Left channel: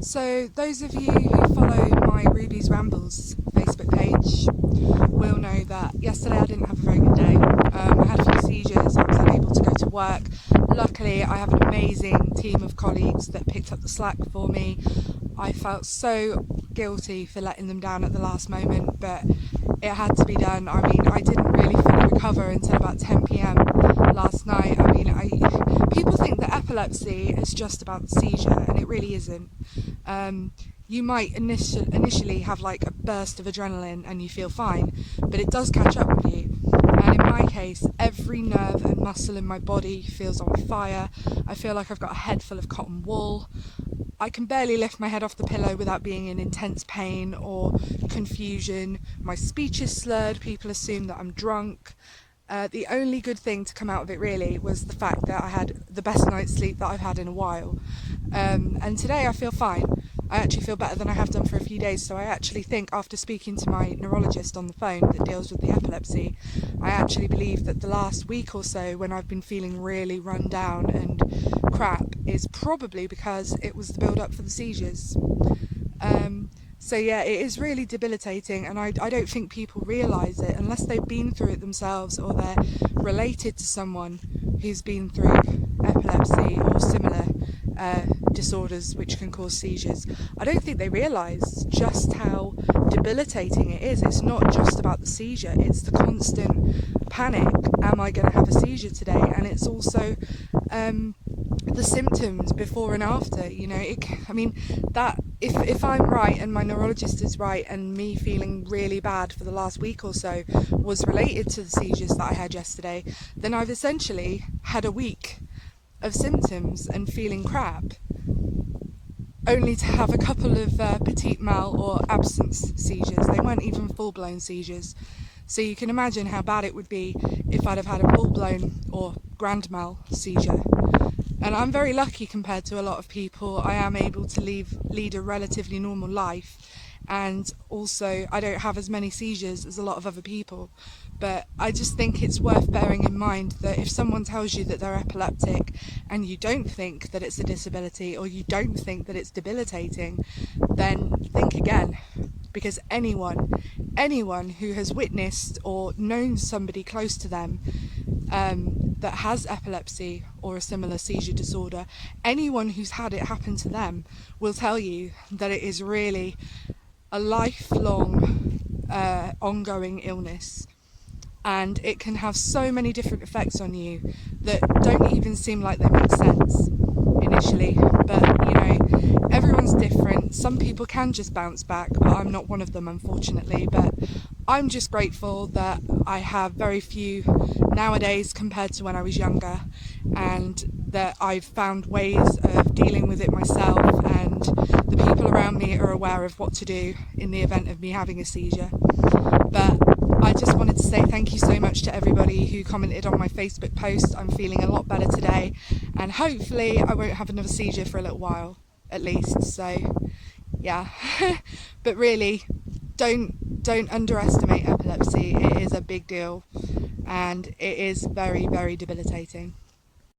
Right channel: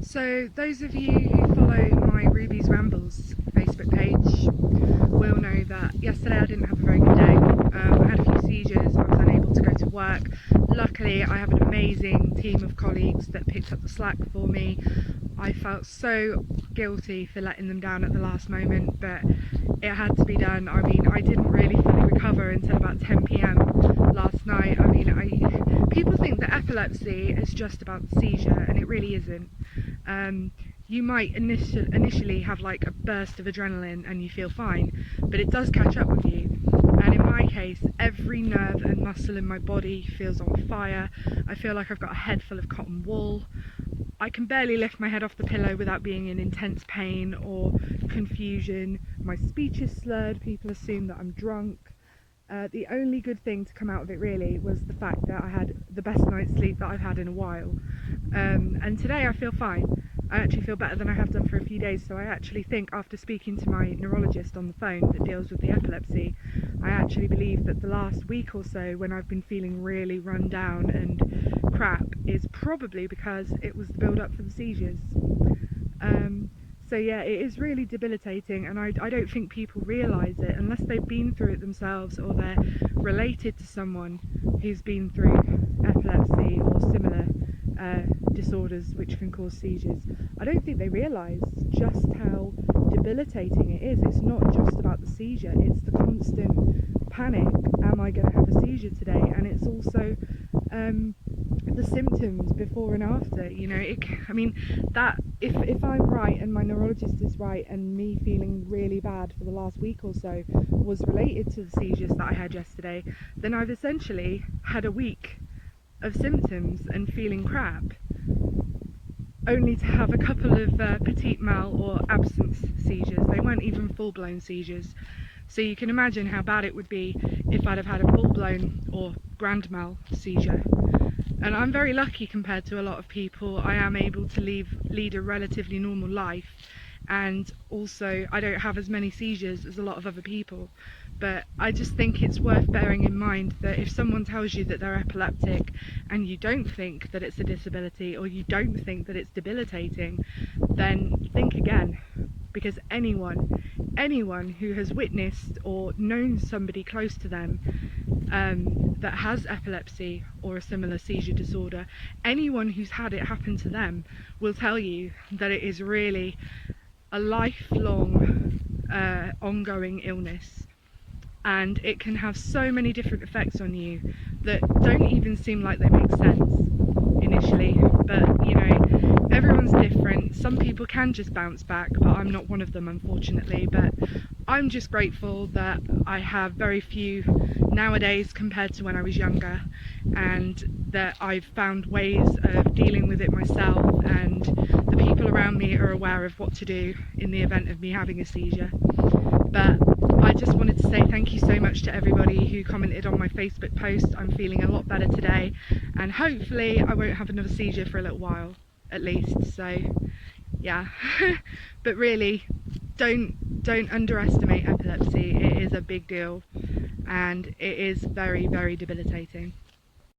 So those of you who follow my Ruby's Rambles Facebook page will know that yesterday I didn't have a very good day. I had a few seizures, I was unable to go to work. Luckily I have an amazing team of colleagues that picked up the slack for me. I felt so guilty for letting them down at the last moment, but it had to be done. I mean, I didn't really fully recover until about 10 p.m. last night. I mean, people think that epilepsy is just about the seizure, and it really isn't. You might initially have like a burst of adrenaline and you feel fine, but it does catch up with you. And in my case, every nerve and muscle in my body feels on fire. I feel like I've got a head full of cotton wool. I can barely lift my head off the pillow without being in intense pain or confusion. My speech is slurred, people assume that I'm drunk. The only good thing to come out of it really was the fact that I had the best night's sleep that I've had in a while. And today I feel fine. I actually feel better than I have done for a few days, so I actually think, after speaking to my neurologist on the phone that deals with the epilepsy, I actually believe that the last week or so when I've been feeling really run down and crap is probably because it was the build up for the seizures. So yeah, it is really debilitating, and I don't think people realise it unless they've been through it themselves or they're related to someone who's been through epilepsy or similar disorders which can cause seizures. I don't think they realise just how debilitating it is. It's not just about the seizure, it's the constant panic, am I going to have a seizure today? And it's also the symptoms before and after, you know. I mean, that if I'm right and my neurologist is right and me feeling really bad for the last week or so was related to the seizures that I had yesterday, then I've essentially had a week of symptoms and feeling crap, only to have a couple of petit mal or absence seizures. They weren't even full-blown seizures. So you can imagine how bad it would be if I'd have had a full-blown or grand mal seizure. And I'm very lucky compared to a lot of people. I am able to lead a relatively normal life, and also I don't have as many seizures as a lot of other people. But I just think it's worth bearing in mind that if someone tells you that they're epileptic and you don't think that it's a disability or you don't think that it's debilitating, then think again. Because anyone who has witnessed or known somebody close to them that has epilepsy or a similar seizure disorder, anyone who's had it happen to them will tell you that it is really a lifelong ongoing illness, and it can have so many different effects on you that don't even seem like they make sense initially. But you know, everyone's different. Some people can just bounce back, but I'm not one of them, unfortunately. But I'm just grateful that I have very few nowadays compared to when I was younger, and that I've found ways of dealing with it myself, and the people around me are aware of what to do in the event of me having a seizure. But I just wanted to say thank you so much to everybody who commented on my Facebook post. I'm feeling a lot better today, and hopefully I won't have another seizure for a little while at least. So yeah. But really, don't underestimate epilepsy. It is a big deal, and it is very, very debilitating.